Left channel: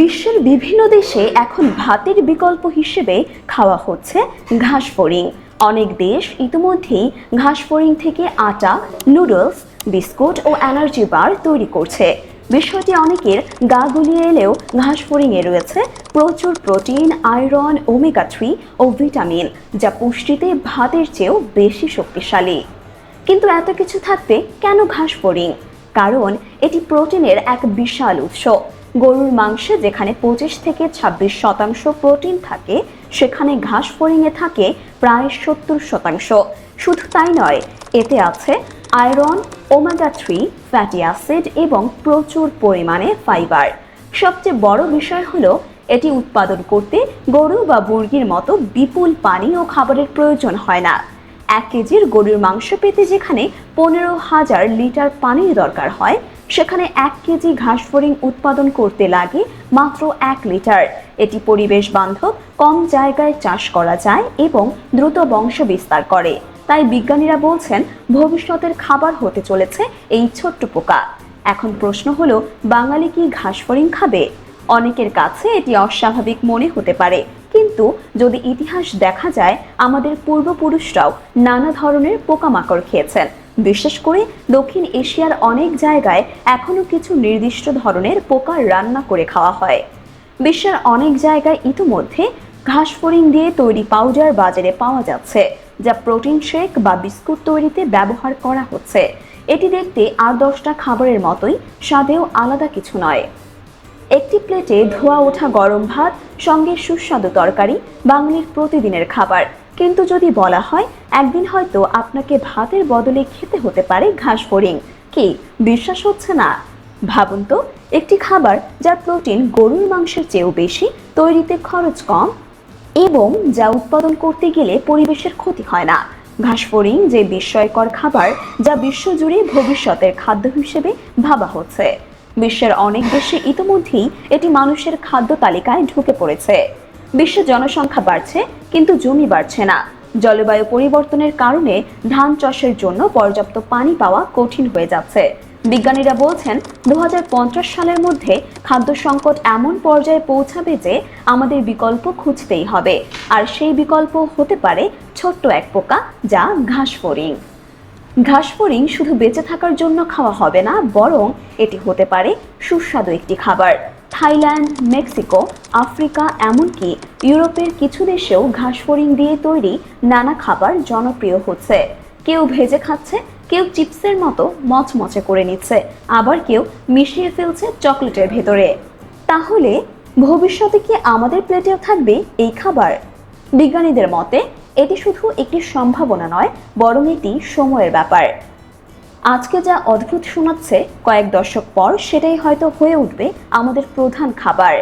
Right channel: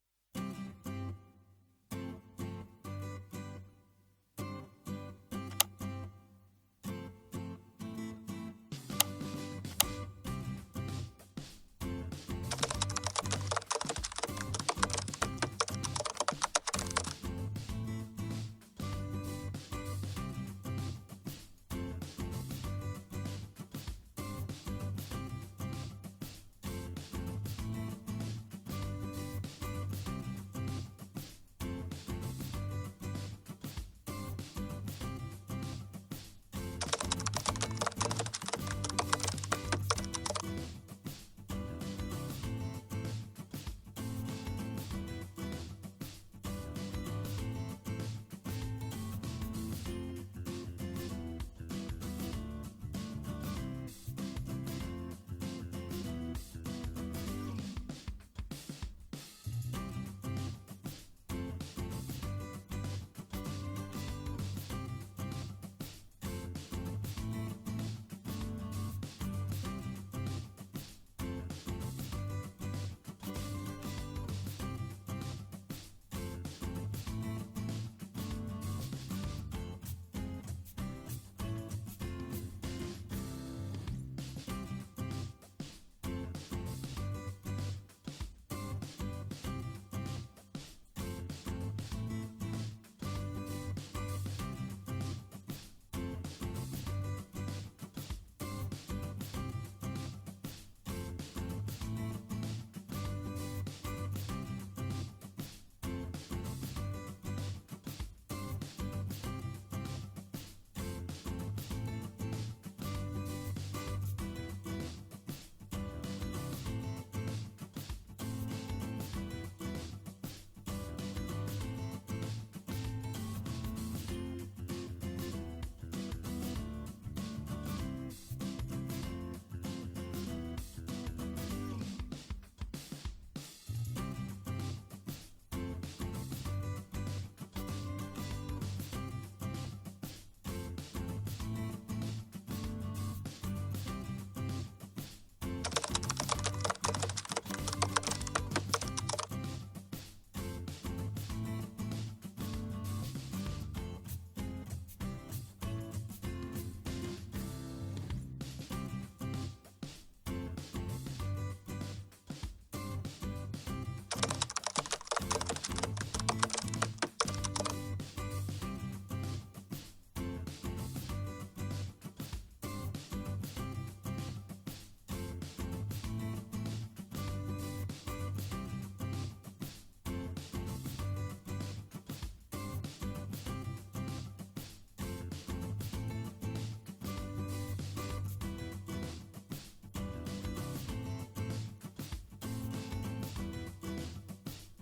বিশ্বের বিভিন্ন দেশে এখন ভাতের বিকল্প হিসেবে খাওয়া হচ্ছে ঘাস ফড়িং। অনেক দেশ ইতিমধ্যেই ঘাস ফড়িং থেকে আটা নুডলস বিস্কুট ও এনার্জি বার তৈরি করছে। বিষয়টি অনেকের গা গুলিয়ে এলেও ঘাস ফড়িংয়ে রয়েছে প্রচুর প্রোটিন আয়রন ওমেগা থ্রি ও ভিটামিন যা পুষ্টিতে ভাতের চেয়েও বেশি শক্তিশালী। কিন্তু এত কিছু থাকতে কেন ঘাস ফড়িং? কারণ এটি প্রোটিনের এক বিশাল উৎস। গরুর মাংসে যেখানে পঁচিশ থেকে ছাব্বিশ শতাংশ প্রোটিন থাকে, সেখানে ঘাস ফড়িংয়ে থাকে প্রায় সত্তর শতাংশ। শুধু তাই নয়, এতে আছে iron, omega three, fatty acid এবং প্রচুর পরিমাণে ফাইবার। সবচেয়ে বড় বিষয় হলো, এটি উৎপাদন করতে গরু বা মুরগির মতো বিপুল পানি ও খাবারের প্রয়োজন হয় না। এক কেজির গরুর মাংস পেতে যেখানে পনেরো হাজার লিটার পানির দরকার হয়, সেখানে এক কেজি ঘাস ফড়িং উৎপাদন করতে লাগে মাত্র এক লিটার। এটি পরিবেশ বান্ধব, কম জায়গায় চাষ করা যায় এবং দ্রুত বংশ বিস্তার করে। তাই বিজ্ঞানীরা বলছেন, ভবিষ্যতের খাবার হতে চলেছে এই ছোট্ট পোকা। এখন প্রশ্ন হলো, বাঙালি কি ঘাস ফড়িং খাবে? অনেকের কাছে এটি অস্বাভাবিক মনে হতে পারে। কিন্তু যদি ইতিহাস দেখা যায়, আমাদের পূর্বপুরুষরাও নানা ধরনের পোকামাকড় খেয়েছেন। বিশেষ করে দক্ষিণ এশিয়ার অনেক জায়গায় এখনও কিছু নির্দিষ্ট ধরনের পোকা রান্না করে খাওয়া হয়। বিশ্বের অনেক জায়গায় ইতিমধ্যে ঘাস ফড়িং দিয়ে তৈরি পাউডার বাজারে পাওয়া যাচ্ছে, যা প্রোটিন শেক বা বিস্কুট তৈরিতে ব্যবহার করা হচ্ছে। এটি দেখতে আর দশটা খাবারের মতোই, স্বাদেও আলাদা কিছু নয়। একটি প্লেটে ধোয়া ওঠা গরম ভাত, সঙ্গে সুস্বাদু তরকারি, বাঙালির প্রতিদিনের খাবার। কিন্তু যদি বলা হয়, একদিন হয়তো আপনাকে ভাতের বদলে খেতে হতে পারে ঘাস ফড়িং। কি, বিশ্বাস হচ্ছে না? ভাবুন তো, একটি খাবার যার প্রোটিন গরুর মাংসের চেয়েও বেশি, তৈরিতে খরচ কম, এবং যা উৎপাদন করতে গেলে পরিবেশের ক্ষতি হয় না। ঘাসফড়িং যে বিস্ময়কর খাবার, যা বিশ্বজুড়ে ভবিষ্যতের খাদ্য হিসেবে ভাবা হচ্ছে। বিশ্বের অনেক দেশে ইতিমধ্যেই এটি মানুষের খাদ্য তালিকায় ঢুকে পড়েছে। বিশ্বের জনসংখ্যা বাড়ছে, কিন্তু জমি বাড়ছে না। জলবায়ু পরিবর্তনের কারণে ধান চাষের জন্য পর্যাপ্ত পানি পাওয়া কঠিন হয়ে যাচ্ছে। বিজ্ঞানীরা বলছেন দু হাজার পঞ্চাশ সালের মধ্যে খাদ্য সংকট এমন পর্যায়ে পৌঁছাবে যে আমাদের বিকল্প খুঁজতেই হবে। আর সেই বিকল্প হতে পারে ছোট্ট এক পোকা, যা ঘাস ফড়িং। ঘাস ফড়িং শুধু বেঁচে থাকার জন্য খাওয়া হবে না, বরং এটি হতে পারে সুস্বাদু একটি খাবার। থাইল্যান্ড, মেক্সিকো, আফ্রিকা, এমনকি ইউরোপের কিছু দেশেও ঘাস ফড়িং দিয়ে তৈরি নানা খাবার জনপ্রিয় হচ্ছে। কেউ ভেজে খাচ্ছে, কেউ চিপসের মতো মচমচে করে নিচ্ছে, আবার কেউ মিশিয়ে ফেলছে চকলেটের ভেতরে। তাহলে ভবিষ্যতে কি আমাদের প্লেটেও থাকবে এই খাবার? বিজ্ঞানীদের মতে, এটি শুধু একটি সম্ভাবনা নয়, বরং এটি সময়ের ব্যাপার। আজকে যা অদ্ভুত শোনাচ্ছে কয়েক দশক পর, সেটাই হয়তো হয়ে উঠবে আমাদের প্রধান খাবার।